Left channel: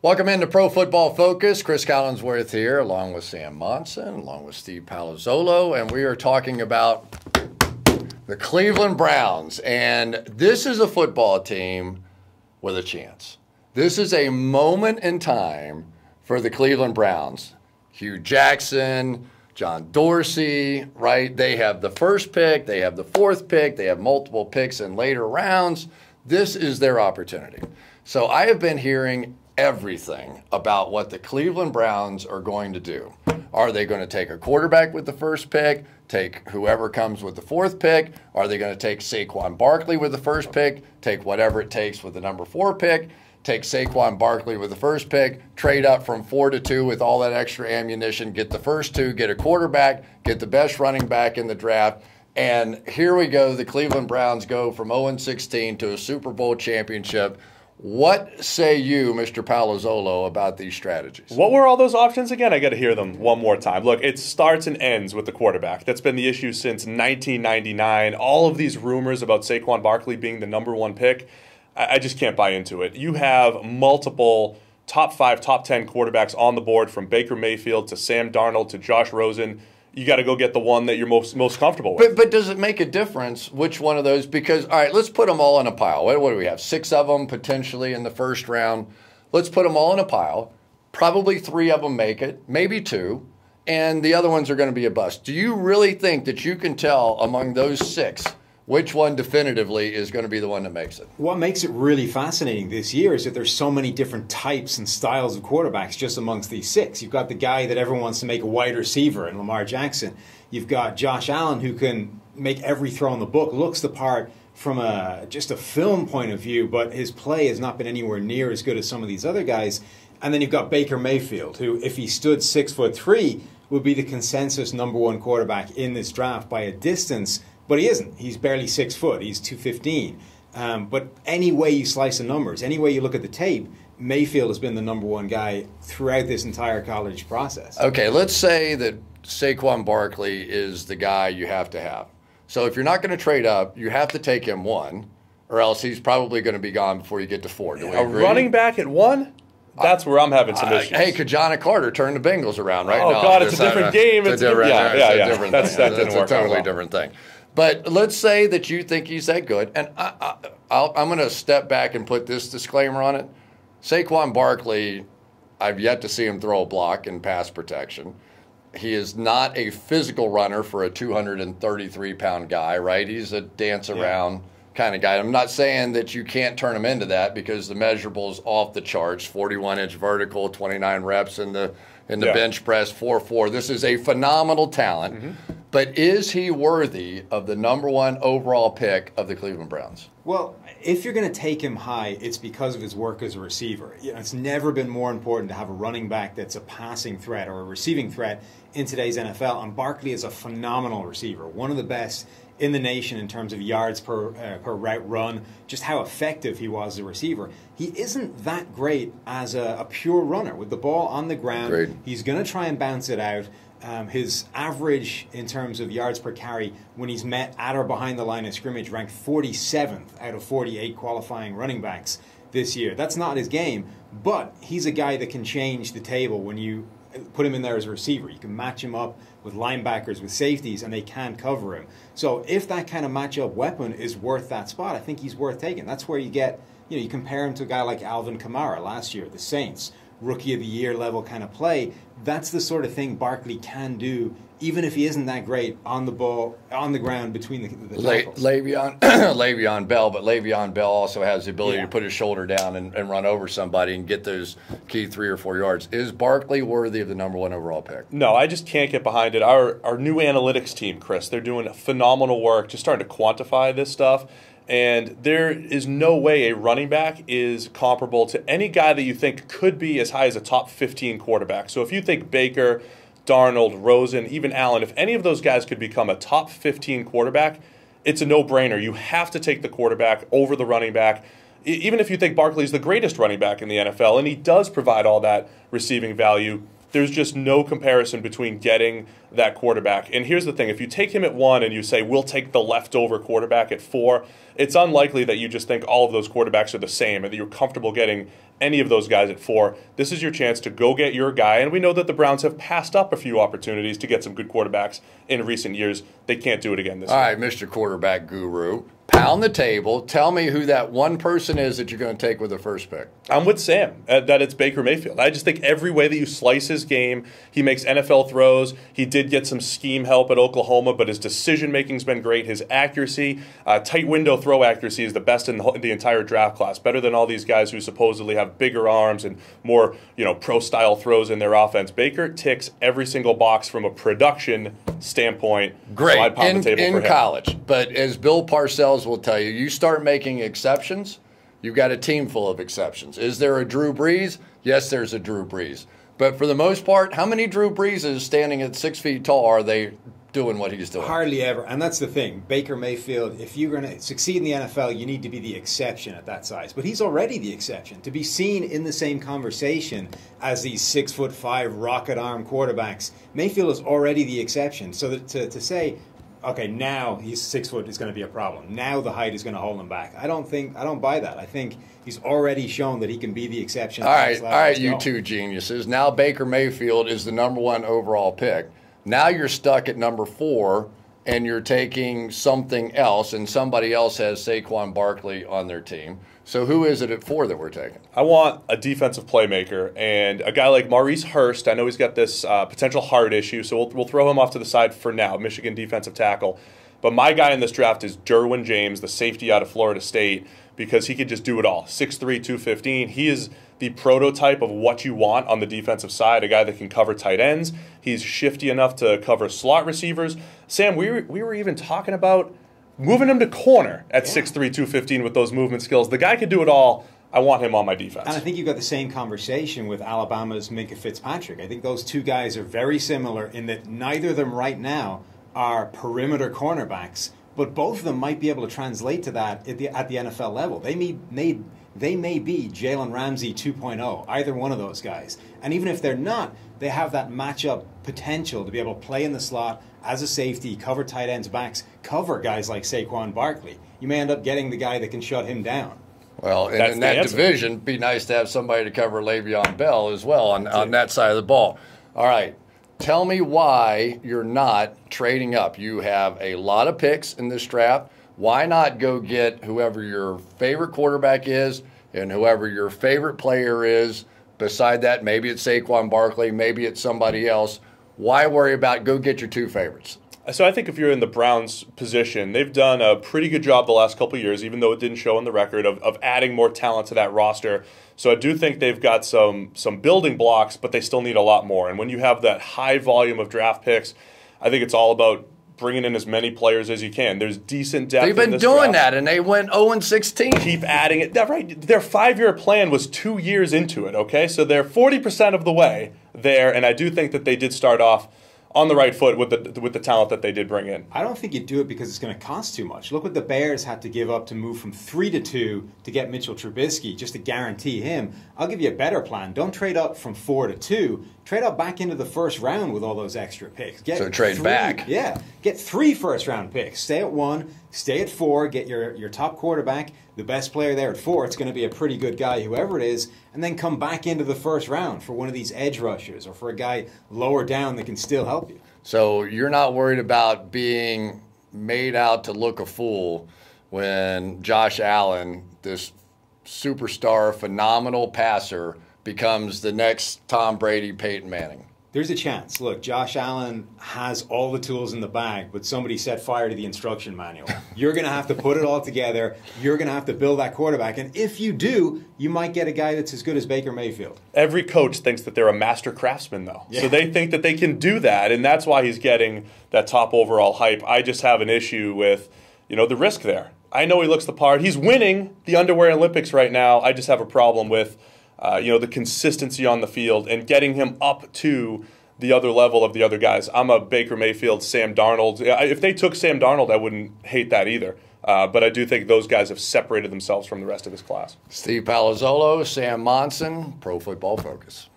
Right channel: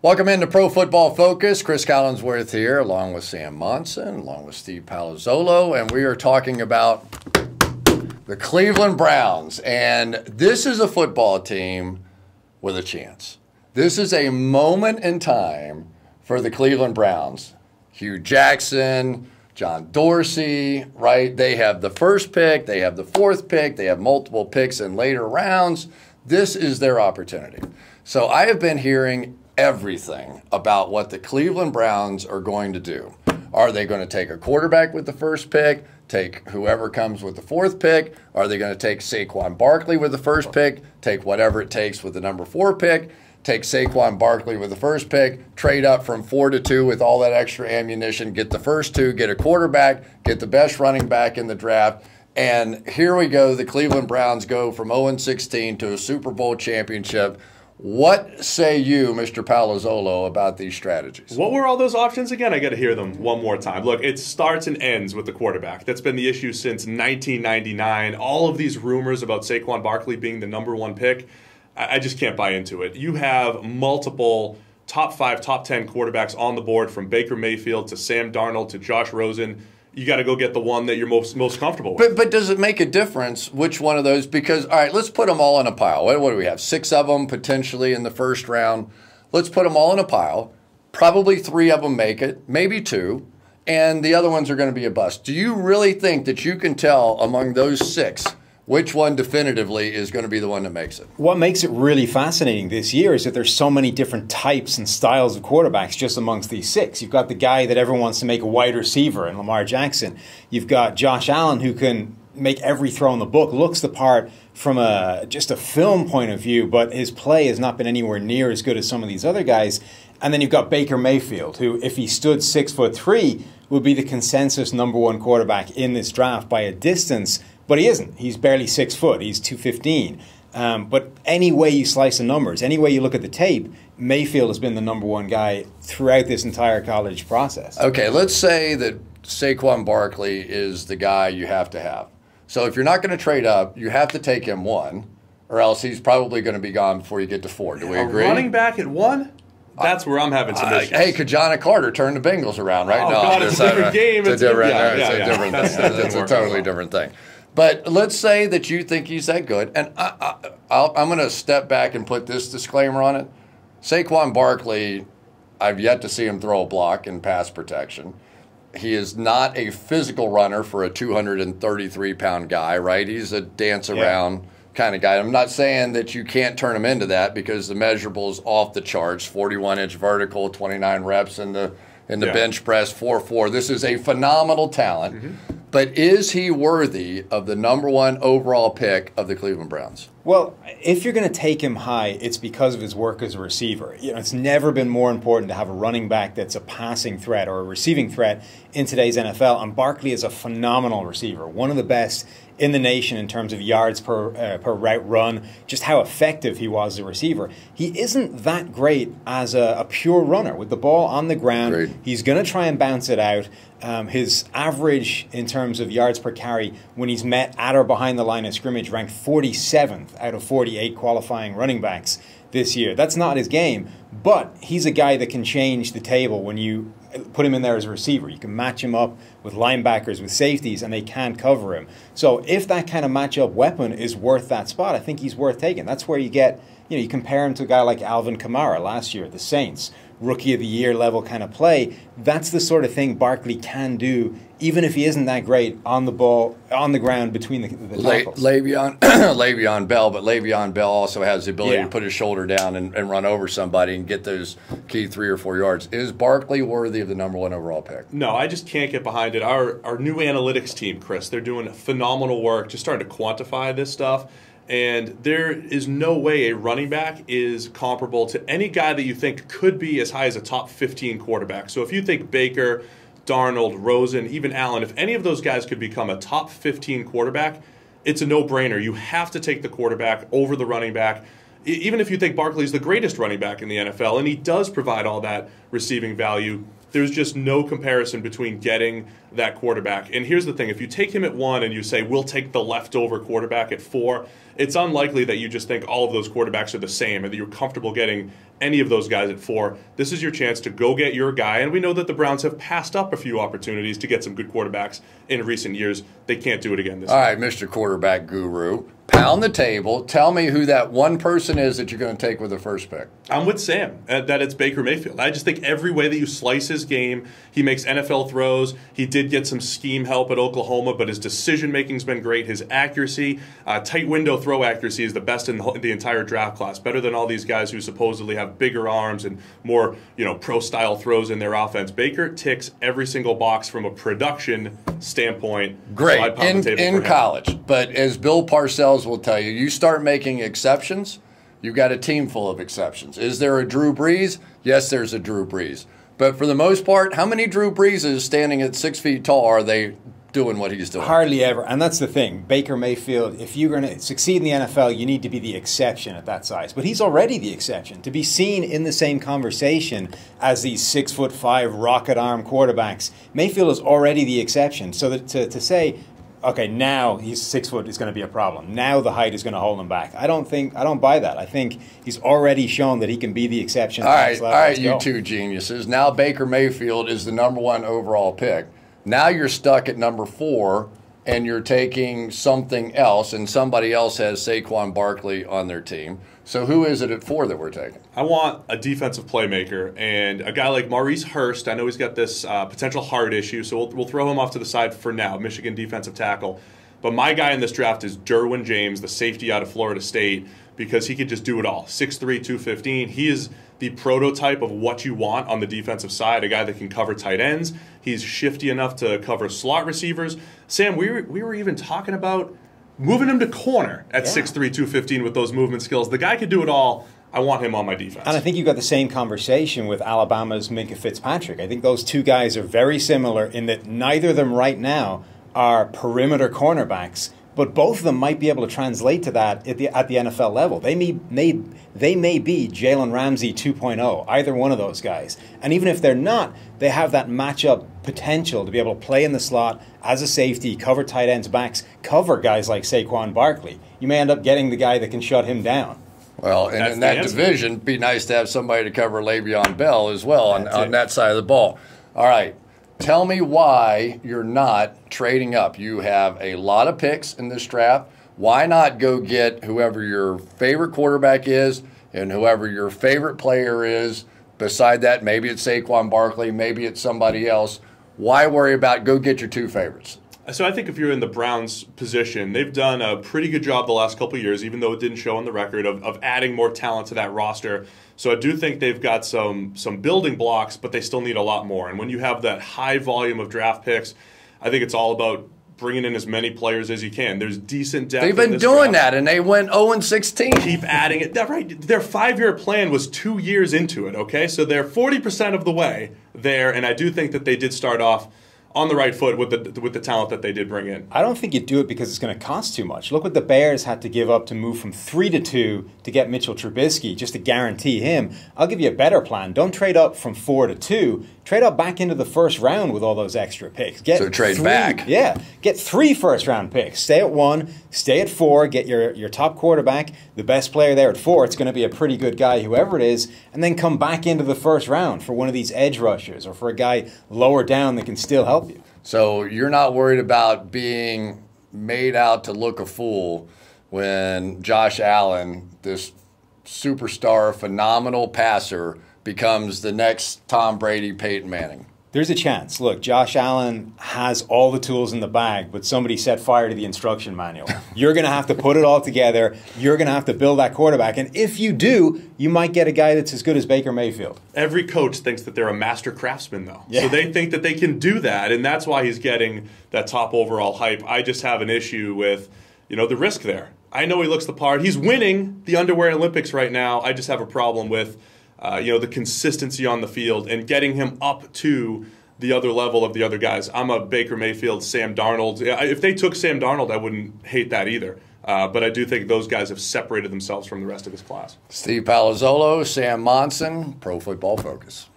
Welcome into Pro Football Focus. Chris Collinsworth here, along with Sam Monson, along with Steve Palazzolo, and we are talking about the Cleveland Browns. And this is a football team with a chance. This is a moment in time for the Cleveland Browns. Hugh Jackson, John Dorsey, right? They have the first pick, they have the fourth pick, they have multiple picks in later rounds. This is their opportunity. So I have been hearing everything about what the Cleveland Browns are going to do. Are they going to take a quarterback with the first pick, take whoever comes with the fourth pick? Are they going to take Saquon Barkley with the first pick, take whatever it takes with the number 4 pick, take Saquon Barkley with the first pick, trade up from 4 to 2 with all that extra ammunition, get the first 2, get a quarterback, get the best running back in the draft, and here we go. The Cleveland Browns go from 0-16 to a Super Bowl championship. What say you, Mr. Palazzolo, about these strategies? What were all those options again? I got to hear them one more time. Look, it starts and ends with the quarterback. That's been the issue since 1999. All of these rumors about Saquon Barkley being the number 1 pick, I just can't buy into it. You have multiple top 5, top 10 quarterbacks on the board, from Baker Mayfield to Sam Darnold to Josh Rosen. You got to go get the one that you're most comfortable with. But does it make a difference which one of those? Because, all right, let's put them all in a pile. What do we have? 6 of them potentially in the first round. Let's put them all in a pile. Probably 3 of them make it, maybe 2, and the other ones are going to be a bust. Do you really think that you can tell among those 6 which one definitively is going to be the one that makes it? What makes it really fascinating this year is that there's so many different types and styles of quarterbacks just amongst these 6. You've got the guy that everyone wants to make a wide receiver in Lamar Jackson. You've got Josh Allen, who can make every throw in the book, looks the part from just a film point of view, but his play has not been anywhere near as good as some of these other guys. And then you've got Baker Mayfield, who, if he stood 6'3", would be the consensus number 1 quarterback in this draft by a distance. But he isn't. He's barely 6 foot. He's 215. But any way you slice the numbers, any way you look at the tape, Mayfield has been the number 1 guy throughout this entire college process. Okay, let's say that Saquon Barkley is the guy you have to have. So if you're not going to trade up, you have to take him 1, or else he's probably going to be gone before you get to 4. Do we agree? Running back at 1? That's where I'm having some issues. Hey, Kajana Carter turned the Bengals around, right? Oh, God, it's a different game. It's a different thing. It's a totally different thing. But let's say that you think he's that good, and I'm going to step back and put this disclaimer on it. Saquon Barkley, I've yet to see him throw a block in pass protection. He is not a physical runner for a 233-pound guy, right? He's a dance-around kind of guy. I'm not saying that you can't turn him into that, because the measurables off the charts, 41-inch vertical, 29 reps in the bench press, 4.4. This is a phenomenal talent. Mm-hmm. But is he worthy of the number 1 overall pick of the Cleveland Browns? Well, if you're going to take him high, it's because of his work as a receiver. You know, it's never been more important to have a running back that's a passing threat or a receiving threat in today's NFL. And Barkley is a phenomenal receiver, one of the best in the nation in terms of yards per route run, just how effective he was as a receiver. He isn't that great as a pure runner. With the ball on the ground, Great. He's going to try and bounce it out. His average in terms of yards per carry when he's met at or behind the line of scrimmage ranked 47th out of 48 qualifying running backs this year. That's not his game, but he's a guy that can change the table when you put him in there as a receiver. You can match him up with linebackers, with safeties, and they can't cover him. So if that kind of matchup weapon is worth that spot, I think he's worth taking. That's where you get, you compare him to a guy like Alvin Kamara last year at the Saints. Rookie of the year level kind of play. That's the sort of thing Barkley can do, even if he isn't that great on the ball, on the ground between the tackles. Le'Veon Bell, but Le'Veon Bell also has the ability to put his shoulder down and run over somebody and get those key 3 or 4 yards. Is Barkley worthy of the number 1 overall pick? No, I just can't get behind it. Our new analytics team, Chris, they're doing phenomenal work just starting to quantify this stuff. And there is no way a running back is comparable to any guy that you think could be as high as a top 15 quarterback. So if you think Baker, Darnold, Rosen, even Allen, if any of those guys could become a top 15 quarterback, it's a no-brainer. You have to take the quarterback over the running back. Even if you think Barkley's the greatest running back in the NFL, and he does provide all that receiving value, there's just no comparison between getting that quarterback. And here's the thing. If you take him at 1 and you say, we'll take the leftover quarterback at 4, it's unlikely that you just think all of those quarterbacks are the same and that you're comfortable getting any of those guys at 4. This is your chance to go get your guy. And we know that the Browns have passed up a few opportunities to get some good quarterbacks in recent years. They can't do it again this year. All right, Mr. Quarterback Guru, pound the table. Tell me who that one person is that you're going to take with the first pick. I'm with Sam that it's Baker Mayfield. I just think every way that you slice his game, he makes NFL throws. He did get some scheme help at Oklahoma, but his decision-making's been great. His accuracy, tight window throw accuracy is the best in the entire draft class, better than all these guys who supposedly have bigger arms and more pro-style throws in their offense. Baker ticks every single box from a production standpoint. Great, in college. But as Bill Parcells will tell you, you start making exceptions, you've got a team full of exceptions. Is there a Drew Brees? Yes, there's a Drew Brees. But for the most part, how many Drew Breeses standing at 6 feet tall are they doing what he's doing? Hardly ever. And that's the thing. Baker Mayfield, if you're going to succeed in the NFL, you need to be the exception at that size. But he's already the exception. To be seen in the same conversation as these 6'5" rocket arm quarterbacks, Mayfield is already the exception. So that to say, okay, now he's 6 foot is going to be a problem. Now the height is going to hold him back. I don't buy that. I think he's already shown that he can be the exception. All right, you two geniuses. Now Baker Mayfield is the #1 overall pick. Now you're stuck at number 4, and you're taking something else, and somebody else has Saquon Barkley on their team. So who is it at 4 that we're taking? I want a defensive playmaker, and a guy like Maurice Hurst. I know he's got this potential heart issue, so we'll throw him off to the side for now, Michigan defensive tackle. But my guy in this draft is Derwin James, the safety out of Florida State, because he could just do it all. 6'3", 215. He is the prototype of what you want on the defensive side, a guy that can cover tight ends. He's shifty enough to cover slot receivers. Sam, we were even talking about moving him to corner at 6'3", 215 with those movement skills. The guy could do it all. I want him on my defense. And I think you've got the same conversation with Alabama's Minkah Fitzpatrick. I think those two guys are very similar in that neither of them right now are perimeter cornerbacks, but both of them might be able to translate to that at the NFL level. They may be Jalen Ramsey 2.0, either one of those guys. And even if they're not, they have that matchup potential to be able to play in the slot as a safety, cover tight ends, backs, cover guys like Saquon Barkley. You may end up getting the guy that can shut him down. Well, and in that division, it'd be nice to have somebody to cover Le'Veon Bell as well on that side of the ball. All right. Tell me why you're not trading up. You have a lot of picks in this draft. Why not go get whoever your favorite quarterback is and whoever your favorite player is? Beside that, maybe it's Saquon Barkley, maybe it's somebody else. Why worry about go get your 2 favorites? So I think if you're in the Browns' position, they've done a pretty good job the last couple of years, even though it didn't show in the record, of adding more talent to that roster. So I do think they've got some building blocks, but they still need a lot more. And when you have that high volume of draft picks, I think it's all about bringing in as many players as you can. There's decent depth. They've been doing that, and they went 0-16. Keep adding it. Right. Their 5-year plan was 2 years into it, okay? So they're 40% of the way there, and I do think that they did start off on the right foot with the talent that they did bring in. I don't think you do it because it's going to cost too much. Look what the Bears had to give up to move from 3 to 2 to get Mitchell Trubisky, just to guarantee him. I'll give you a better plan. Don't trade up from 4 to 2. Trade up back into the first round with all those extra picks. So trade back. Yeah. Get 3 first-round picks. Stay at 1, stay at 4, get your top quarterback, the best player there at 4. It's going to be a pretty good guy, whoever it is, and then come back into the first round for one of these edge rushers or for a guy lower down that can still help you. So you're not worried about being made out to look a fool when Josh Allen, this superstar, phenomenal passer, becomes the next Tom Brady, Peyton Manning. There's a chance. Look, Josh Allen has all the tools in the bag, but somebody set fire to the instruction manual. You're going to have to put it all together. You're going to have to build that quarterback. And if you do, you might get a guy that's as good as Baker Mayfield. Every coach thinks that they're a master craftsman, though. Yeah. So they think that they can do that, and that's why he's getting that top overall hype. I just have an issue with, the risk there. I know he looks the part. He's winning the underwear Olympics right now. I just have a problem with the consistency on the field and getting him up to the other level of the other guys. I'm a Baker Mayfield, Sam Darnold. If they took Sam Darnold, I wouldn't hate that either. But I do think those guys have separated themselves from the rest of his class. Steve Palazzolo, Sam Monson, Pro Football Focus.